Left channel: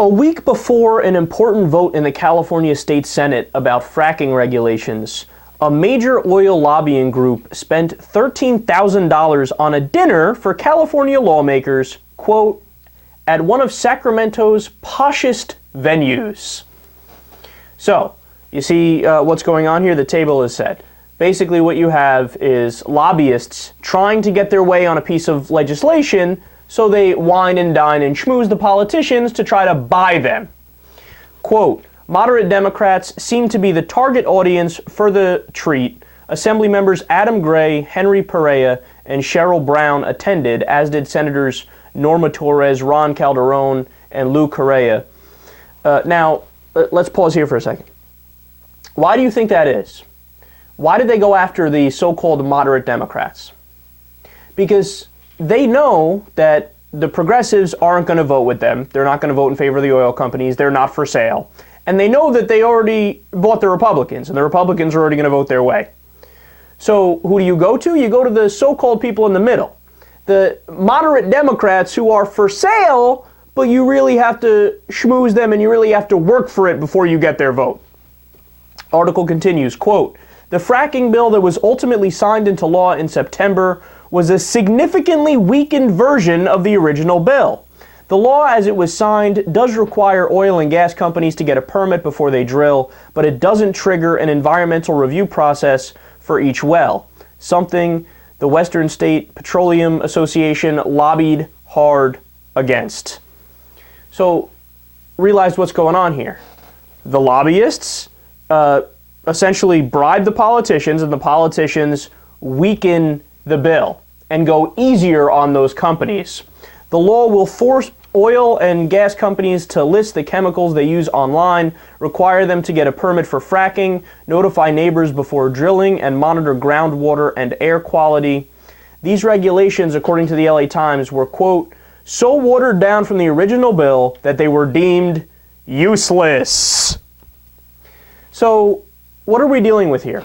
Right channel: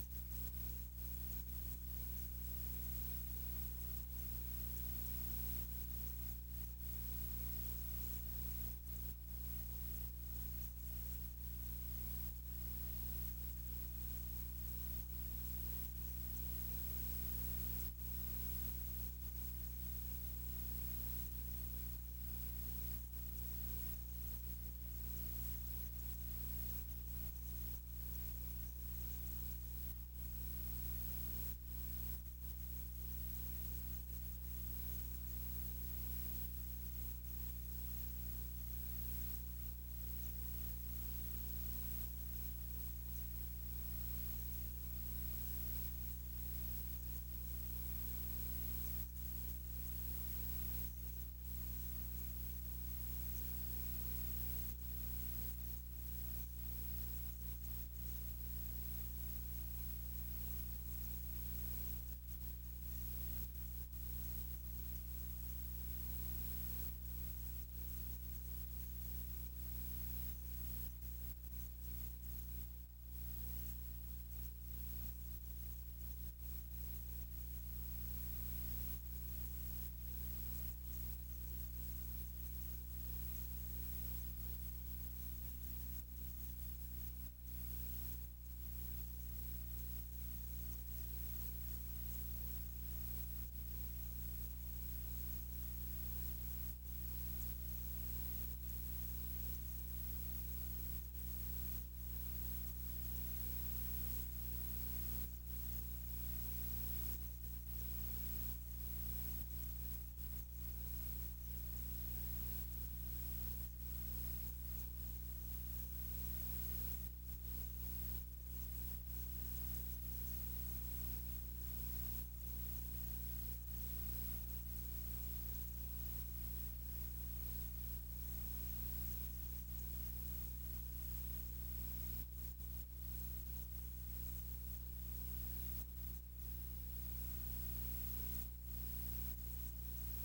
A week before an important vote in the California State Senate about fracking regulations, a major oil lobbying group spent $13,000 on a dinner for California lawmakers, quote, at one of Sacramento's poshest venues. So, you see what's going on here? The table is set. Basically what you have is lobbyists trying to get their way on a piece of legislation, so they wine and dine and schmooze the politicians to try to buy them. Quote, moderate Democrats seem to be the target audience for the treat. Assembly members Adam Gray, Henry Perea, and Cheryl Brown attended, as did Senators Norma Torres, Ron Calderon, and Lou Correa. Now, let's pause here for a second. Why do you think that is? Why did they go after the so-called moderate Democrats? Because they know that the progressives aren't going to vote with them. They're not going to vote in favor of the oil companies. They're not for sale. And they know that they already bought the Republicans, and the Republicans are already going to vote their way. So who do you go to? You go to the so-called people in the middle. The moderate Democrats who are for sale, but you really have to schmooze them and you really have to work for it before you get their vote. Article continues, quote, the fracking bill that was ultimately signed into law in September was a significantly weakened version of the original bill. The law as it was signed does require oil and gas companies to get a permit before they drill, but it doesn't trigger an environmental review process for each well, something the Western State Petroleum Association lobbied hard against. So realize what's going on here. The lobbyists essentially bribe the politicians, and the politicians weaken the bill and go easier on those companies. The law will force oil and gas companies to list the chemicals they use online, require them to get a permit for fracking, notify neighbors before drilling, and monitor groundwater and air quality. These regulations, according to the LA Times, were, quote, so watered down from the original bill that they were deemed useless. So, what are we dealing with here?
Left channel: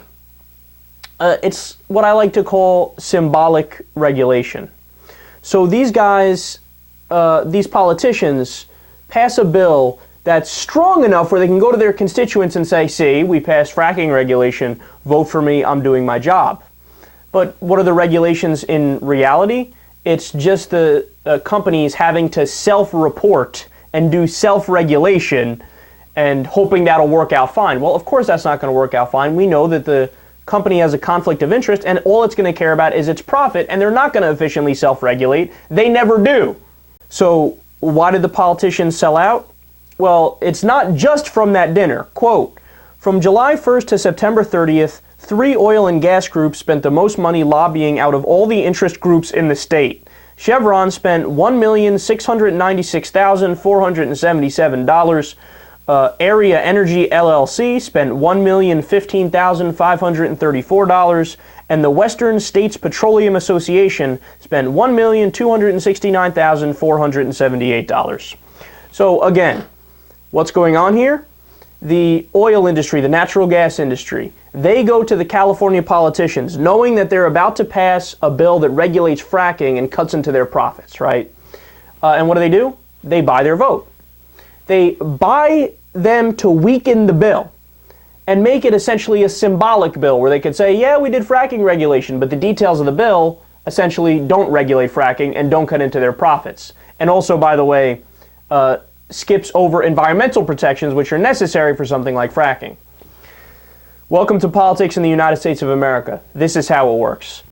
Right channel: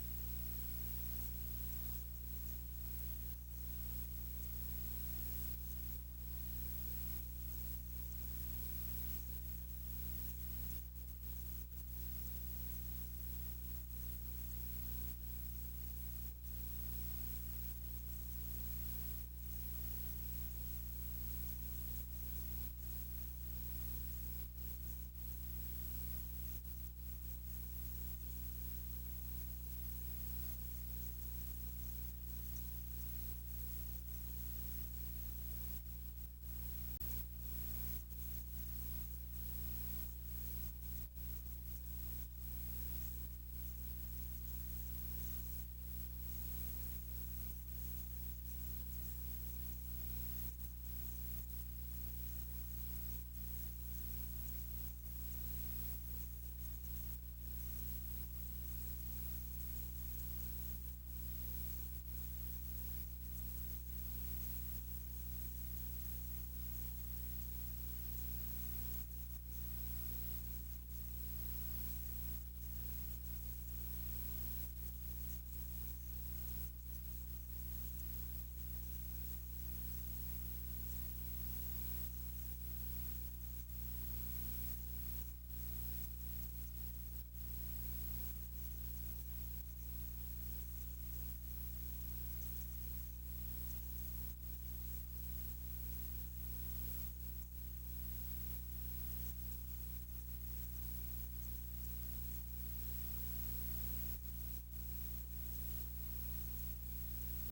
It's what I like to call symbolic regulation. So these guys, these politicians, pass a bill that's strong enough where they can go to their constituents and say, see, we passed fracking regulation, vote for me, I'm doing my job. But what are the regulations in reality? It's just the companies having to self-report and do self-regulation and hoping that'll work out fine. Well, of course that's not going to work out fine. We know that the company has a conflict of interest, and all it's going to care about is its profit, and they're not going to efficiently self-regulate. They never do. So why did the politicians sell out? Well, it's not just from that dinner. Quote, from July 1st to September 30th, 3 oil and gas groups spent the most money lobbying out of all the interest groups in the state. Chevron spent $1,696,477. Area Energy LLC spent $1,015,534, and the Western States Petroleum Association spent $1,269,478. So again, what's going on here? The oil industry, the natural gas industry, they go to the California politicians knowing that they're about to pass a bill that regulates fracking and cuts into their profits, right? And what do? They buy their vote. They buy them to weaken the bill and make it essentially a symbolic bill where they could say, yeah, we did fracking regulation, but the details of the bill essentially don't regulate fracking and don't cut into their profits. And also, by the way, skips over environmental protections, which are necessary for something like fracking. Welcome to politics in the United States of America. This is how it works.